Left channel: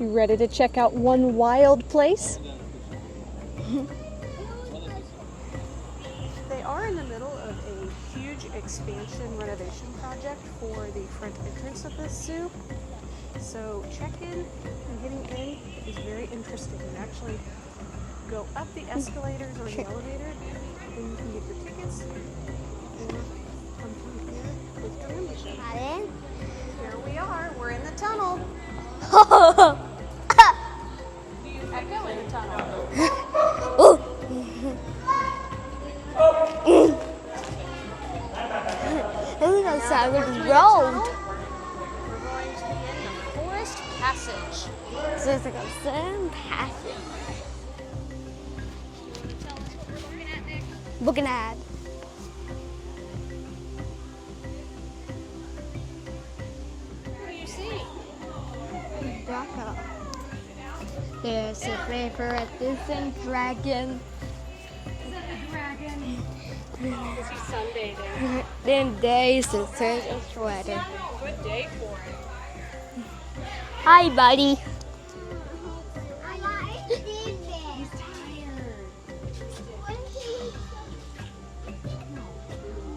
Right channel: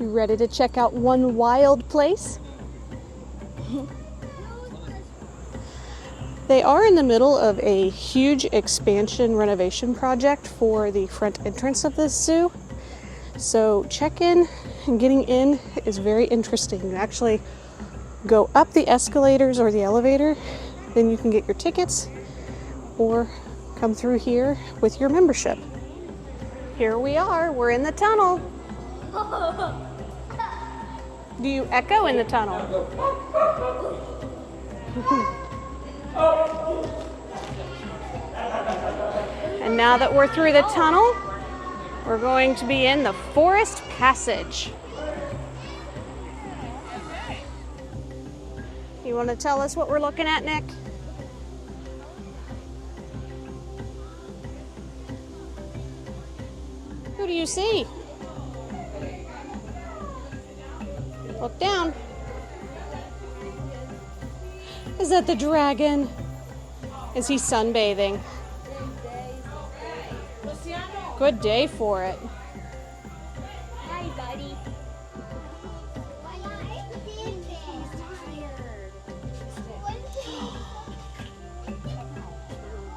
You ready to check out one wild place? They are in the middle of a huge expansion renovation project for the front entrance of this zoo. So check-in and getting in is very interesting. You actually go up the escalators or the elevator, then you can get your tickets or come through here with your membership. Here we are, we're in the tunnel. Do you echo in the tunnel? And now that we're through the tunnel, we're going to be in the Forest Passage. You want to tell us what we're looking at, Nick? Looking at. Who do you see? There's down. a paper dragon. Is that the dragon? Is he sunbathing? Then there's a turtle sweater. Good day for it. Hi, buddy.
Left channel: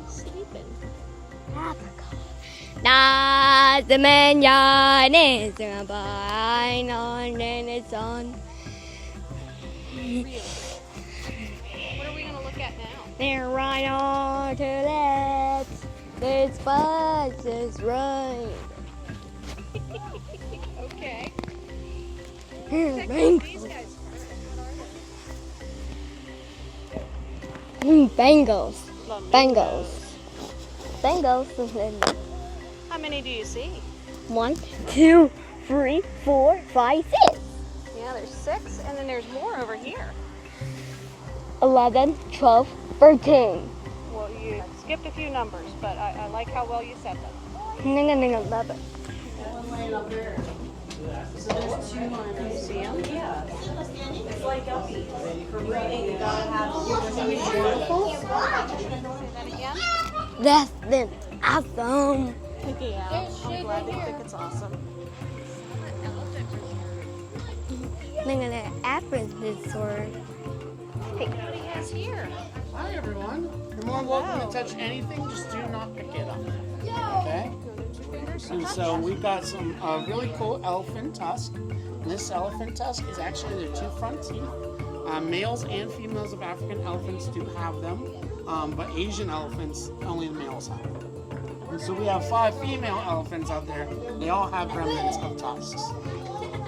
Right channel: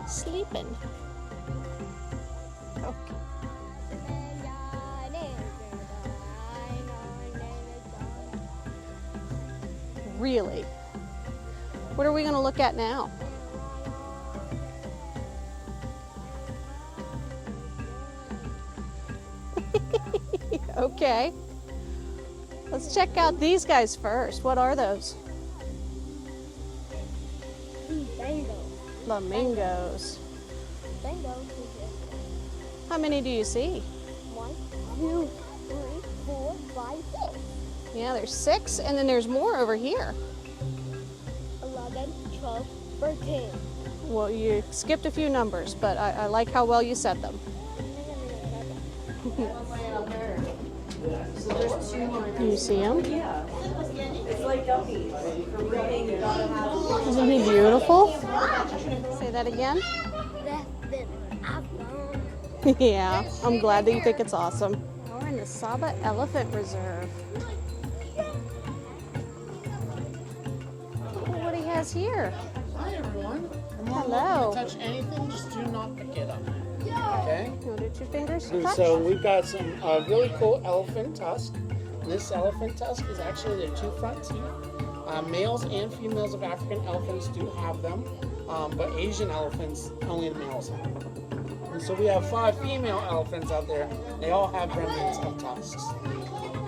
Sleeping. Not the man is behind on its on. Really? What are we going to look at now? They're right on to left. This bus is right. Okay. Let's check out these guys first. What are those? Bengals. Flamingos. Bengals. How many do you see? 1, 2, 3, 4, 5, 6. Yeah, there's 6, and then there's more over here. 11, 12, 13. Well, you skipped a few numbers, but I like how well you said them. 11. Can you see them? Yeah. It's like guppies. Isn't he beautiful? Say that again. That's been awesome. Yeah, I'm glad that you think it's awesome. We're in the Saba Elephant Reserve. After this sword. Look what he has here. Hi everyone. You're more welcome to touch anything, just do not pick it up. Okay? Go to 2 fingers and And touch. so we've got some really cool elephant tusk. This elephant tusk is actually their 2 front teeth. Males and females of African elephants do have them, but Asian elephants, only the males have them. So we have 5 female elephants out there. They all have remnants of tusks.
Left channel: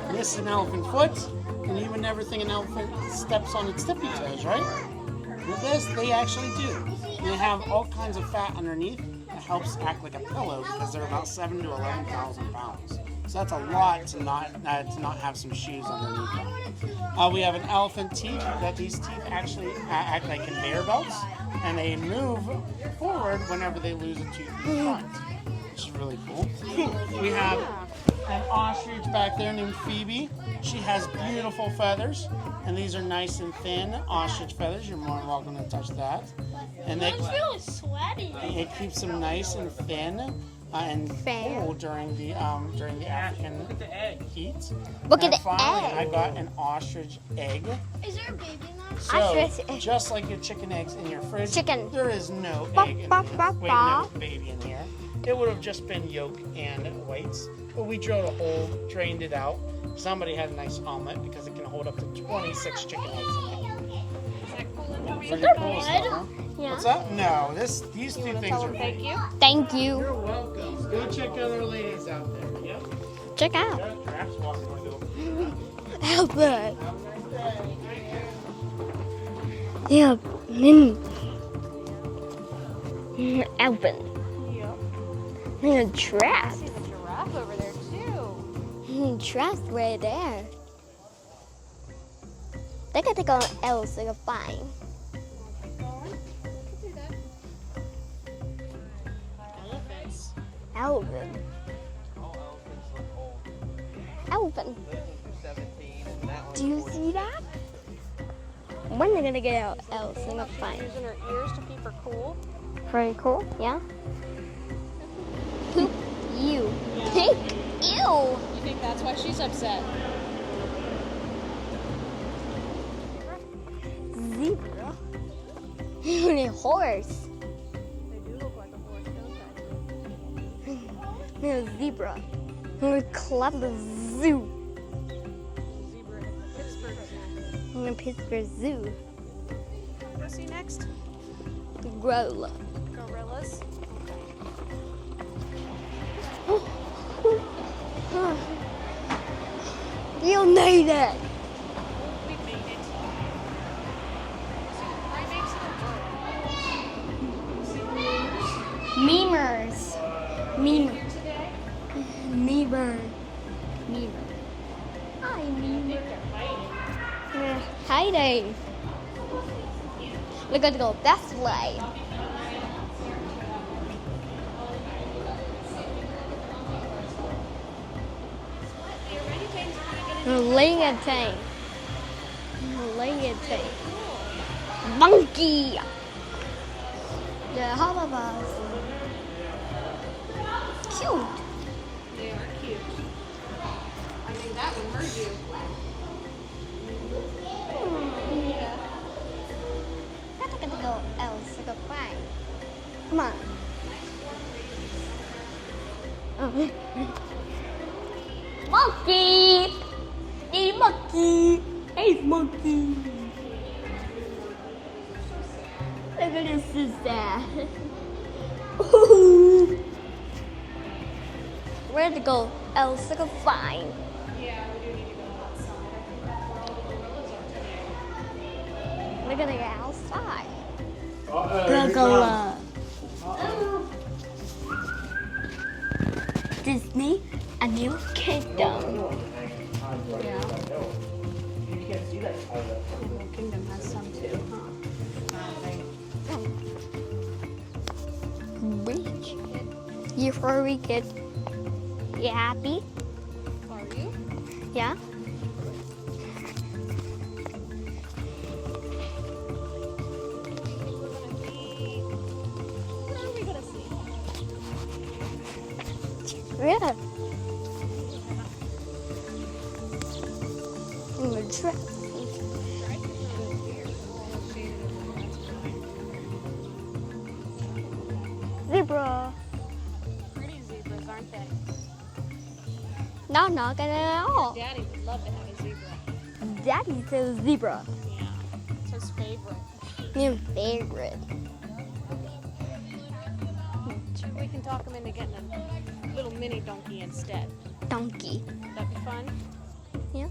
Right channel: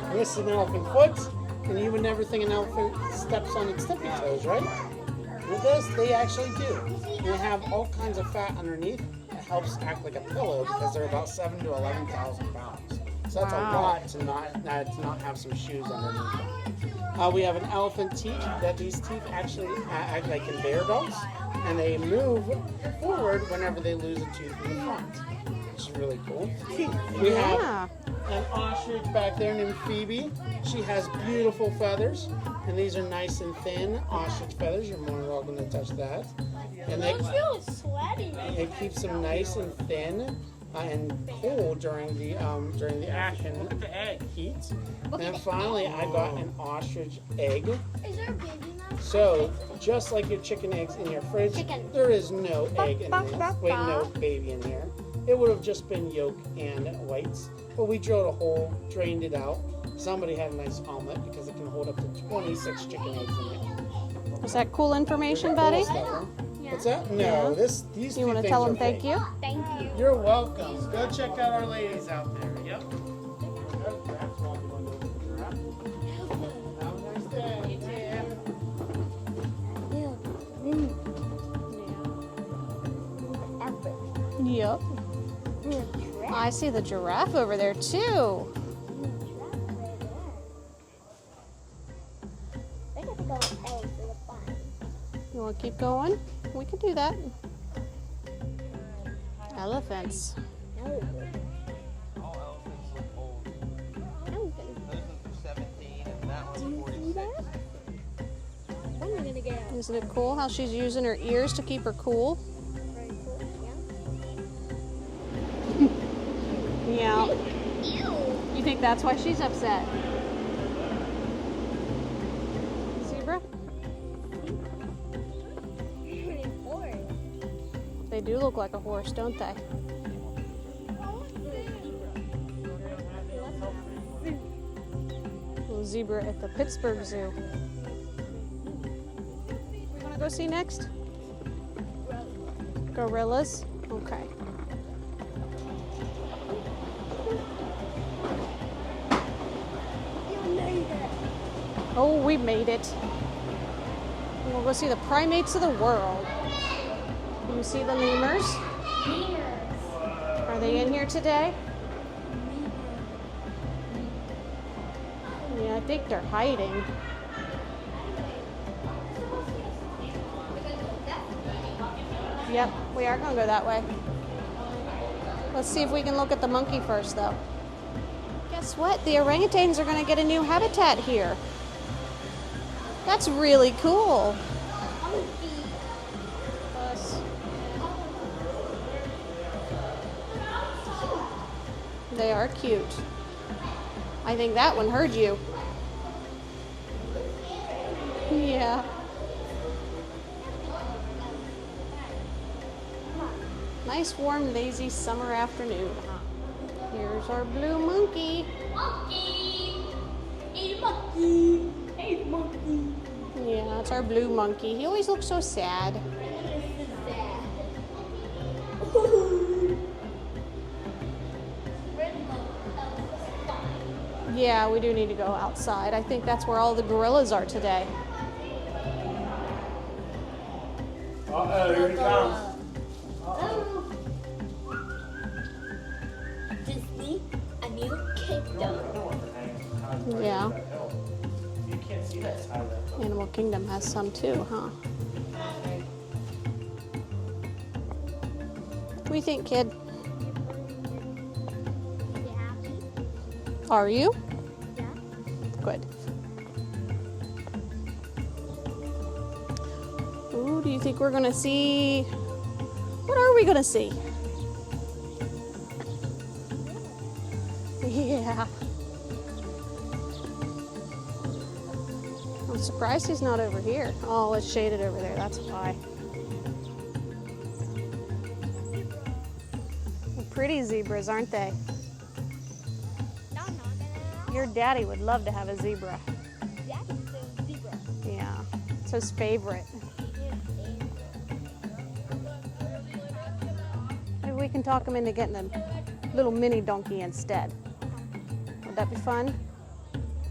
And this is an elephant foot, and you would never think an elephant steps on its tippy toes, right? With this, they actually do. They have all kinds of fat underneath. It helps act like a pillow because they're about 7,000 to 11,000 pounds. So that's a lot to not have some shoes underneath them. We have an elephant teeth. That these teeth actually act like conveyor belts, and they move forward whenever they lose a tooth in front, which is really cool. We have an ostrich back there named Phoebe. She has beautiful feathers, and these are nice and thin ostrich feathers. You're more than welcome to touch that. And they Sweaty. it keeps them nice and thin and cool during the African heat. Look And at the finally, egg. I got an ostrich egg. Is there a baby now? So, just like your chicken eggs in your fridge, Chicken. there is no egg in Bop, here. bop, Wait, no bop. baby in here. It would have just been yolk and whites. But we drilled a hole, drained it out. Somebody had a nice omelet because it can hold up to 26 chicken eggs in it. Is that cool information, buddy? What's that? No, these You two want to things tell are him thank big. you? Thank you. You're welcome. Go check out our ladies out there. Yep. Check out. Perhaps walk on over. Albert. Have a nice day. Yeah. Albert. Yep. And a I trap. see the giraffe over there too. Trap right there. They could take on else like a fine. You want to keep going? We can do that. Elephants. Albert. Albert. Do you see that? When are they gonna get out? Isn't it cool how she's using her ears to keep her cool? Very cool. Yeah. You. Yeah. Ew. You think that's why she's upset? zebra. And a horse. They do look like a horse, don't they? And a zebra. And a club of zoo. Little zebra at the Pittsburgh Zoo. And a Pittsburgh Zoo. Wanna go see next? Gorilla. Gorillas? Okay. You made it. Oh, we made it. We'll go see the primates of the world. Can you see the lemurs? Memers. Are they in here today? Memer. Yeah, I think they're hiding. Hiding. We're gonna go that way. Yep, we are gonna go that way. Let's see if we can look at the monkey first, though. Guess what? The orangutans are gonna get a new habitat here. That's really cool. Monkey. Yeah, how about us? Cute. They are cute. I think that one heard you. Yeah. I'm gonna go else. Go fly. Come on. Nice, warm, lazy summer afternoon. Here's our blue monkey. Monkey. Hey, monkey. Hey, monkey. Yeah, that's our blue monkey. He always looks so sad. Look at this is that. Where to go else? Go find. Yeah, we do need to go outside. I think that's where all the gorillas are today. We're gonna go outside. Gorilla. Disney, a new kingdom. Yeah. Animal Kingdom has some too, huh? What do you think, kid? Before we get you happy? Are you? Yeah. Good. Ooh, do you think we're gonna see? What are we gonna see? Yeah. Yeah. I'm surprised he's not over here. Oh, it's shaded over there. That's why. Zebra. Pretty zebras, aren't they? No, not gonna at Your all. daddy would love to have a zebra. Daddy says zebra. Yeah, it's his favorite. Your favorite. Maybe we can talk him into getting a little mini donkey instead. Donkey. Would that be fun? Yeah.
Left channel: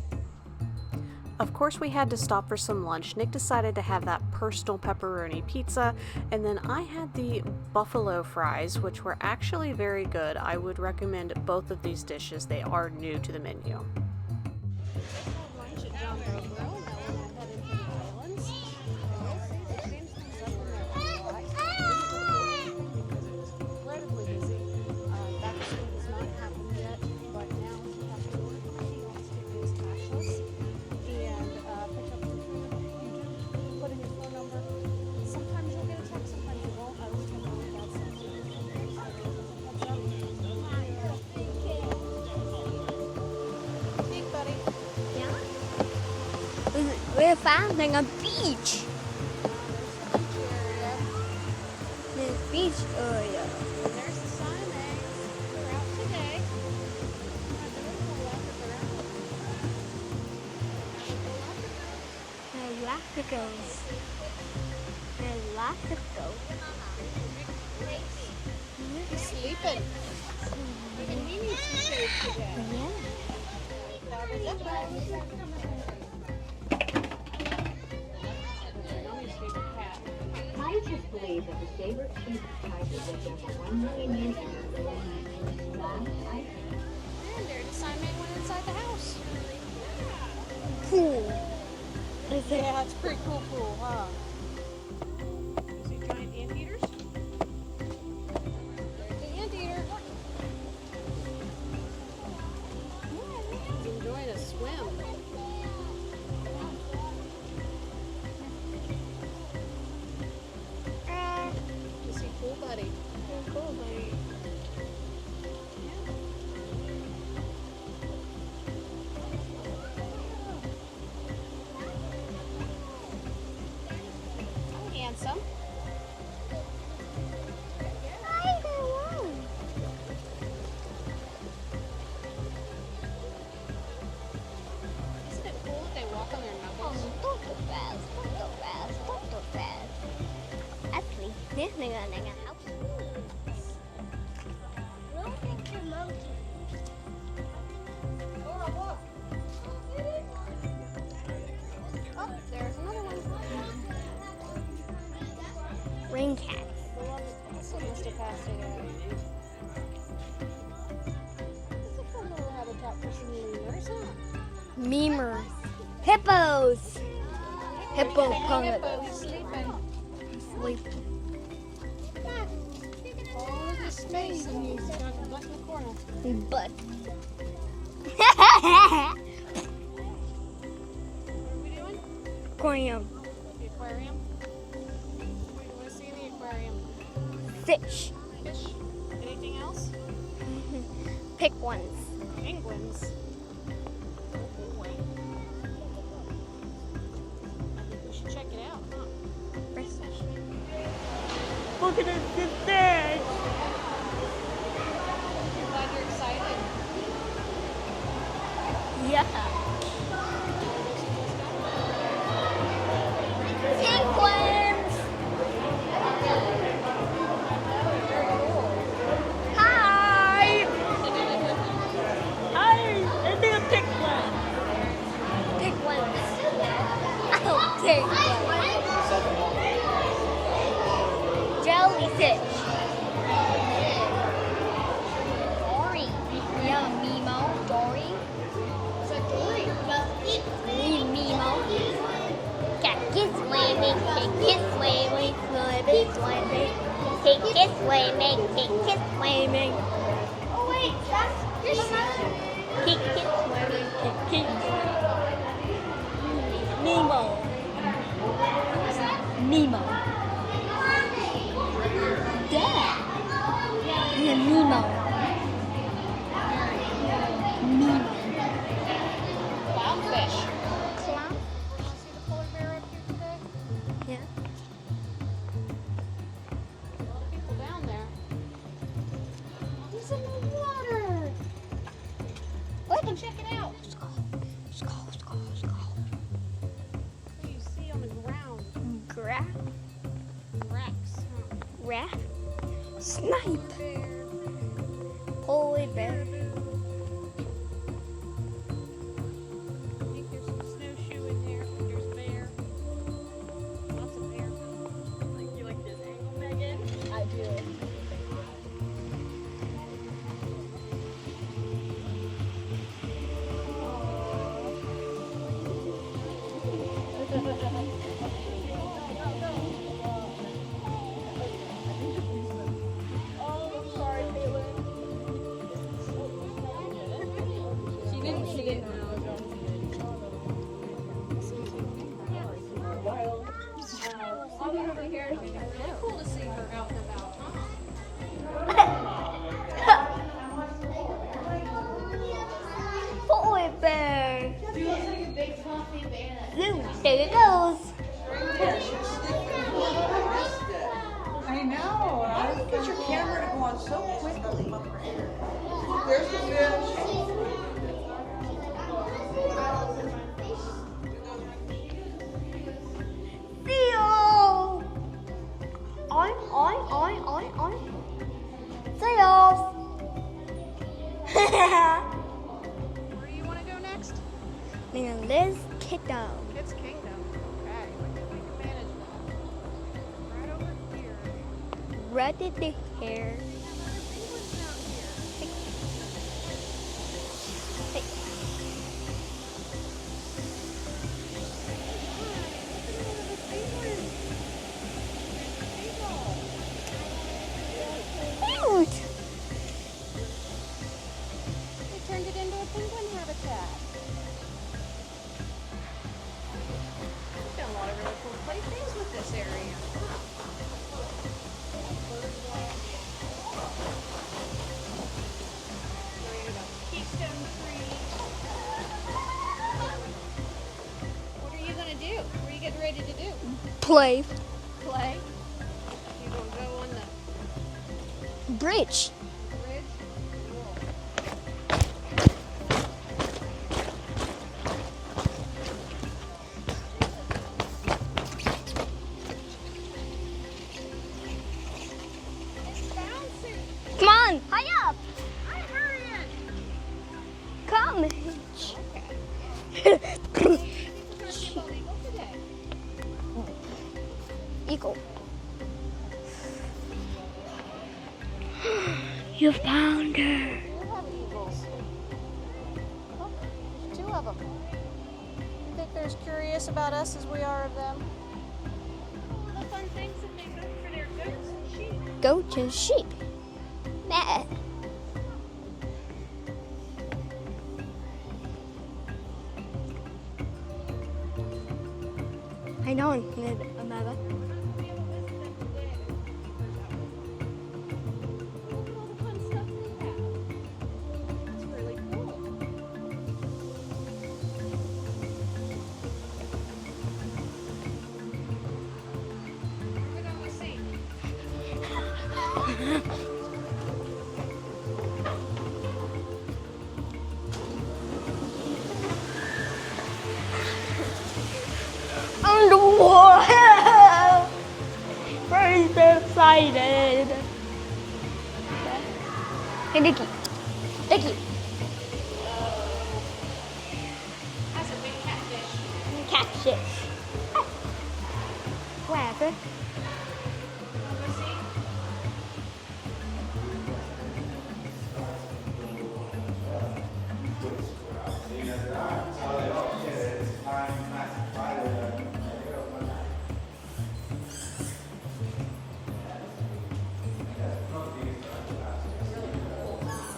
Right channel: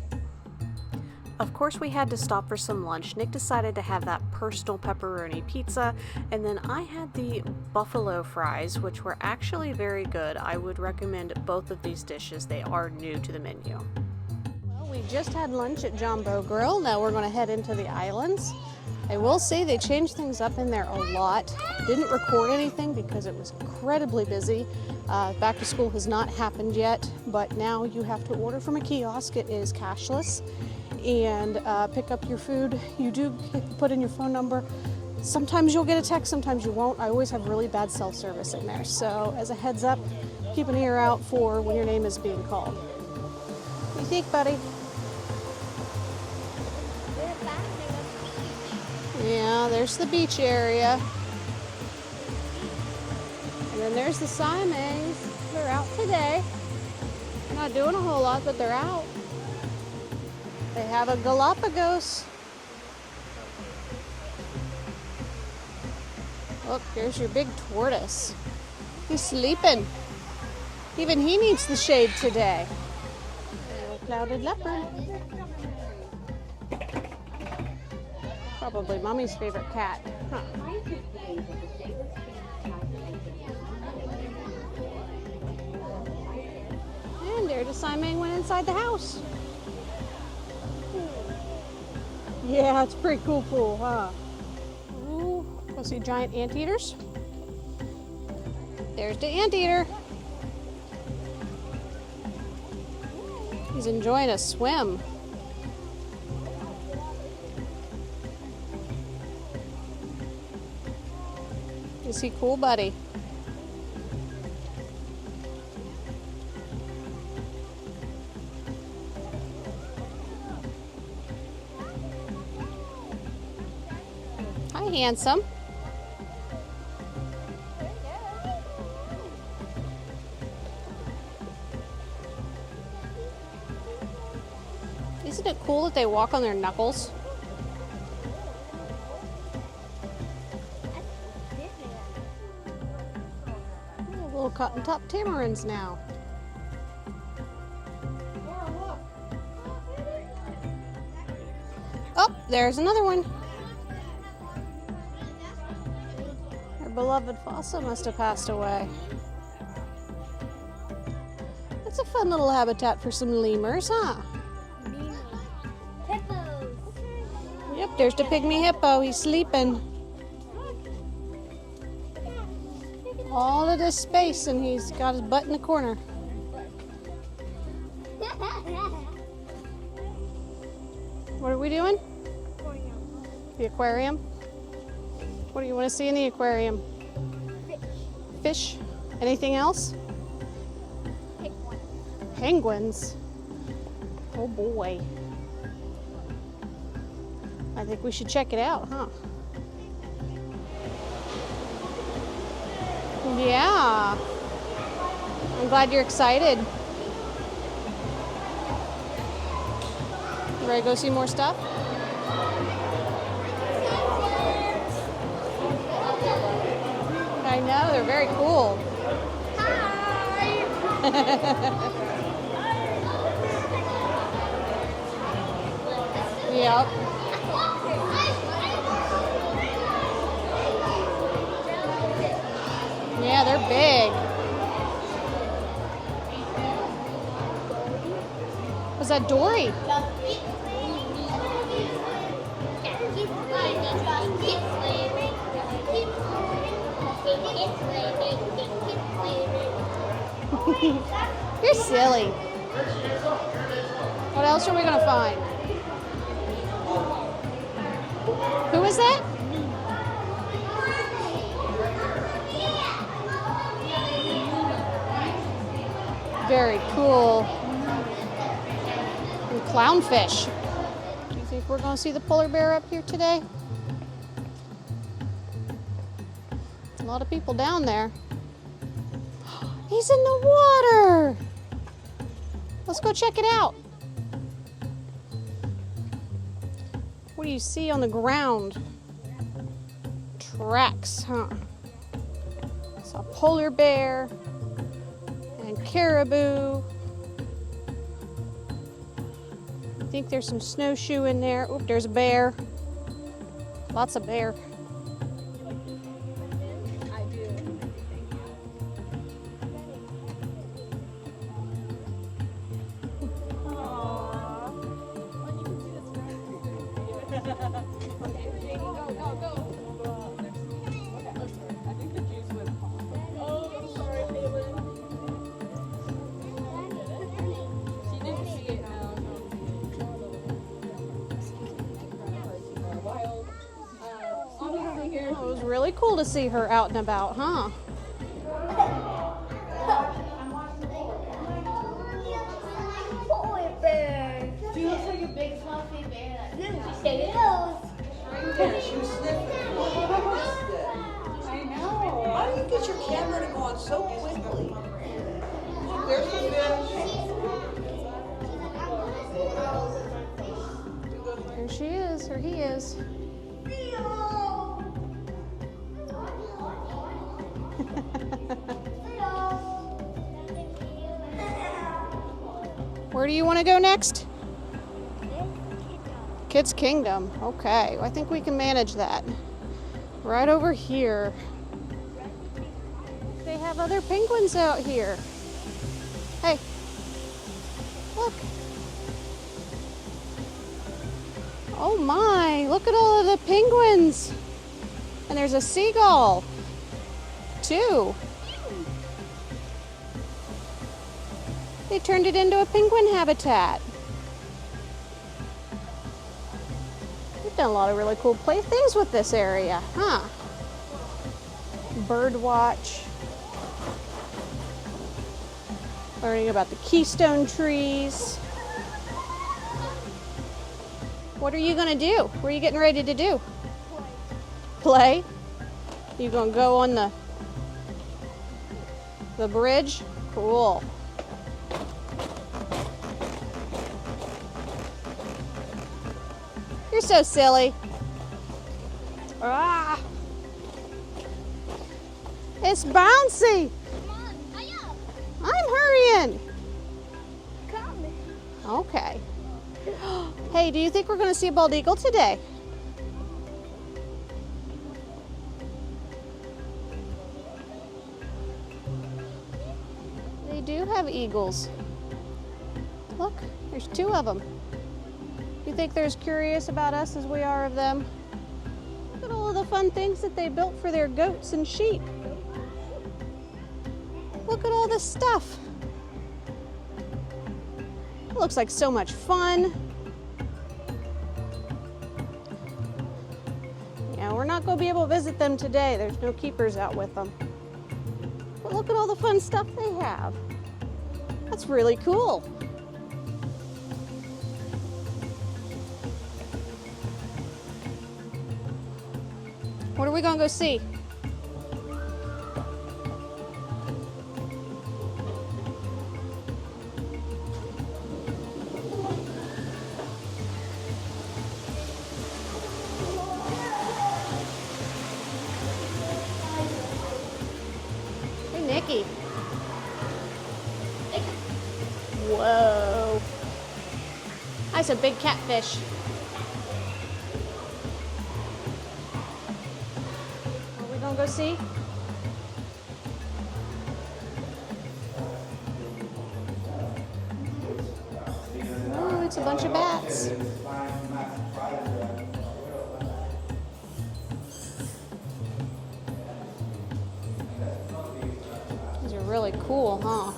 Of course, we had to stop for some lunch. Nick decided to have that personal pepperoni pizza, and then I had the buffalo fries, which were actually very good. I would recommend both of these dishes. They are new to the menu. Well, we just had lunch at Jumbo Grill. Now we're going to head into the islands. I will say they changed things up in there a lot. Didn't record anything because it was incredibly busy. Back to school has not happened yet, but now you have to order from a kiosk. It is cashless. And pick up your food. You do put in your phone number. Sometimes you'll get a text, sometimes you won't. I always have really bad self-service in there. So as a heads up, keep an ear out for when your name is being called. What do you think, buddy? We're finding a beach. Yeah, there's the beach area. The beach area. And then there's the Siamese. They're out today. Not doing a whole lot, but they're out. They have a Galapagos. Galapagos. Look, there's your big tortoise. He's sleeping. Even he needs the shade today. Clouded leopard. Probably Mommy's favorite cat. Huh. Scientists believe that the saber tooth tiger is just 1 million years old. And there the Siamang went inside the house. Cool. Yeah, it's a pretty cool pool, huh? Ooh, go see giant anteaters. There's the anteater. He's enjoying a swim. Is he cool, buddy? handsome. Isn't it cool that they walk on their knuckles? Little cotton top tamarins now. Oh, there's another one. Rain cat. Our beloved fossil must have passed away. That's a fun little habitat for some lemurs, huh? Lemur. Hippos. Yep, there's the pygmy hippo. He's sleeping. All of this space, and he's got his butt in the corner. But. What are we doing? Aquarium. The aquarium? What do you want to see in the aquarium? Fish. Fish? Anything else? Pick ones. Penguins? Oh boy. I think we should check it out, huh? Look at this bag. Yeah. I'm glad you're excited. Yeah. You ready to go see more stuff? Penguins. I know, they're very cool. Hi. Hi. I think I'm pick one. Yep. Pick one. Jellyfish. Yeah, they're big. Dory. Yeah, Nemo. Dory. Was that Dory? Nemo. Cat kiss swimming. Take kiss swimming. Swimming. Swimming. Take kiss swimming. Take kiss swimming. You're silly. What else are we gonna find? Nemo. Who is that? Nemo. Nemo. Very cool. Clownfish. Think we're gonna see the polar bear up here today? Yeah. A lot of people down there. He's in the water. Let's go check it out. What do you see on the ground? Graph. Tracks, huh? Rat. Polar bear and caribou. I think there's some snowshoe in there. Oop, there's a bear. Lots of bear. You like this, Megan? I do. It was really cool to see her out and about, huh? Polar bear. There it goes. I know. How do you get your camera to go on so quickly? There's the fish. There she is, or he is. Theo. On. Theo. Where do you want to go next? Liz Kiddo. Kids Kingdom. Okay, I think we can manage that. Right over here. Red in the hair. They have other penguins out here. Hey, look. Oh my, look at all of the penguins. And there's a seagull, too. Cute. They turned it into a penguin habitat. We've done a lot of really cool things with this area, huh? Bird watch. Learning about the keystone trees. What are you gonna do? What are you getting ready to do? Play. play? You gonna go on the Bridge. bridge? Cool. You're so silly. Ah. It's bouncy. Come on, hurry up. I'm hurrying. Come. Okay. Hey, do you think we're gonna see a bald eagle today? Eagle. You found her. We do have eagles. Look, there's 2 of them. You think they're as curious about us as we are of them? Look at all of the fun things that they built for their goats and sheep. Goat and sheep. Nah. Look at all this stuff. It looks like so much fun. I know. Yeah, we're not going to be able to visit them today. There's no keepers out with them. But look at all the fun stuff they have. That's really cool. What are we going to go see? Underwater. Very excited. Hey, Nikki. Hey, Nikki. Nikki. Whoa. That's a big catfish. Catfish. Grab it. We're going to go see? Oh, it's a bunch of bats. These are really cool, huh?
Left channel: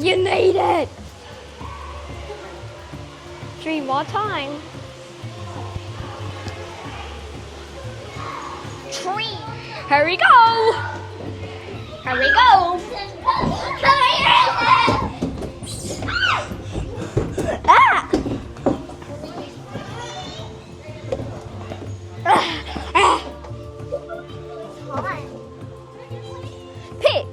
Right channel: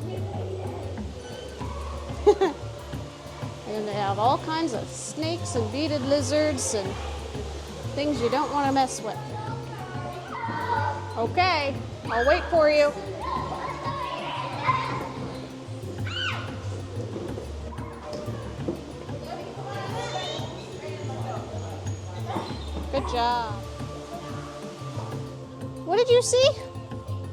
You made it. 3 more Yeah, all times. kinds of snakes and beaded lizards and things you don't want to mess with. 3. Here we go. Okay, Here I'll we wait go. for you. Ah. Yeah. What did you see? Pig.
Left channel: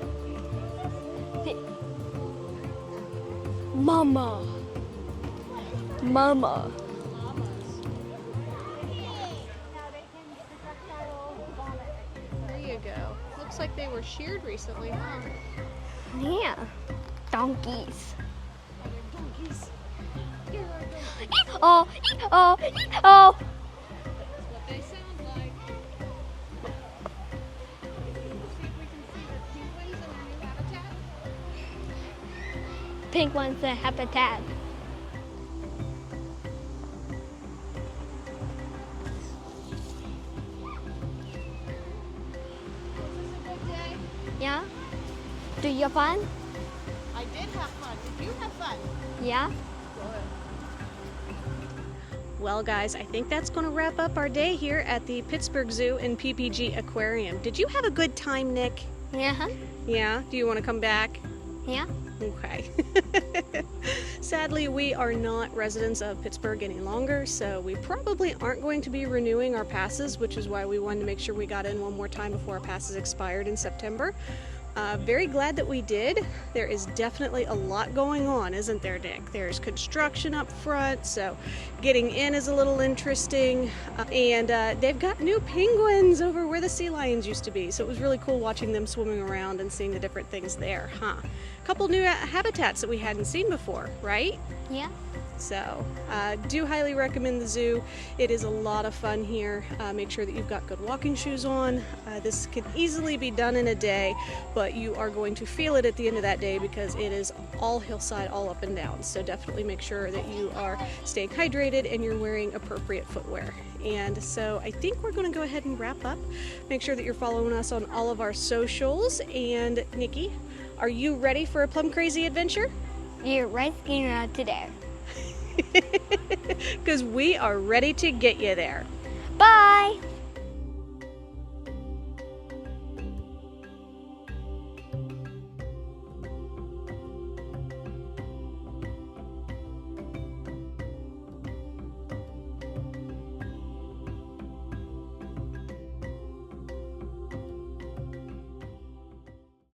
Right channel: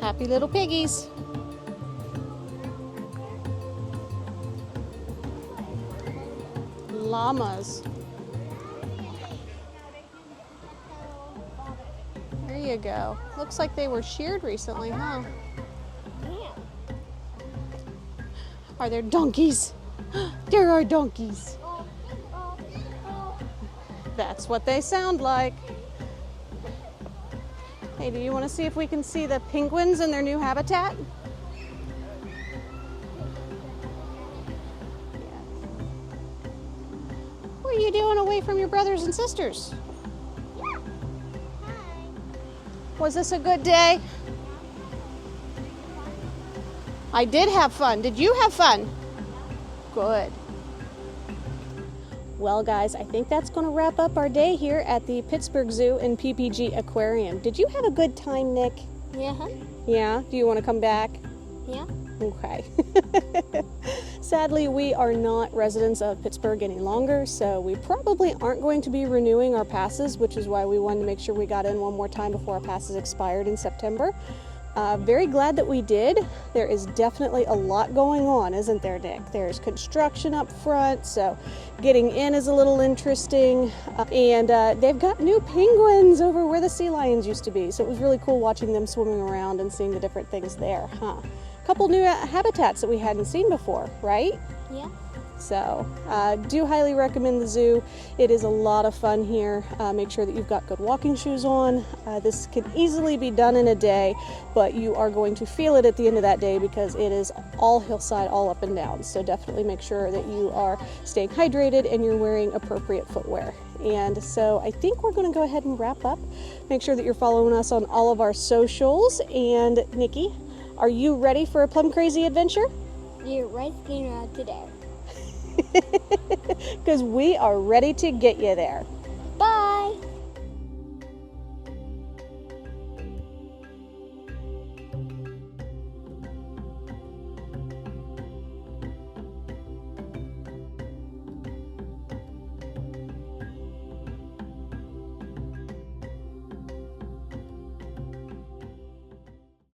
Happy little piggies. Mama. Mama. Llamas. There you go. Looks like they were sheared recently, huh? Yeah. Donkeys. Are there donkeys? There are donkeys. Oh, oh, oh. That's what they sound like. Hey, do you want to see if we can see the penguins in their new habitat? Penguins and habitat. What are you doing away from your brothers and sisters? Was this a good day? Yeah. Do you have fun? I did have fun. Did you have fun? Yeah. Good. Well, guys, I think that's going to wrap up our day here at the Pittsburgh Zoo and PPG Aquarium. Did you have a good time, Nick? Yeah. Yeah? Do you want to come back? Yeah. Okay. Sadly, we are not residents of Pittsburgh any longer, so we probably aren't going to be renewing our passes, which is why we wanted to make sure we got in one more time before our passes expired in September. Very glad that we did. There is definitely a lot going on, isn't there, Nick? There's construction up front, so getting in is a little interesting. And they've got new penguins over where the sea lions used to be, so it was really cool watching them swimming around and seeing the different things there, huh? A couple new habitats that we hadn't seen before, right? Yeah. So do highly recommend the zoo. It is a lot of fun here. Make sure that you've got good walking shoes on. This can easily be done in a day, but you are going to feel it at the end of that day because it is all hillside, all up and down. So definitely make sure that you are staying hydrated and you're wearing appropriate footwear. And so I think we're going to go ahead and wrap up. Make sure that you're following us on all of our socials. And Nikki, are you ready for a plum crazy adventure? You're right here to there. Because we are ready to get you there.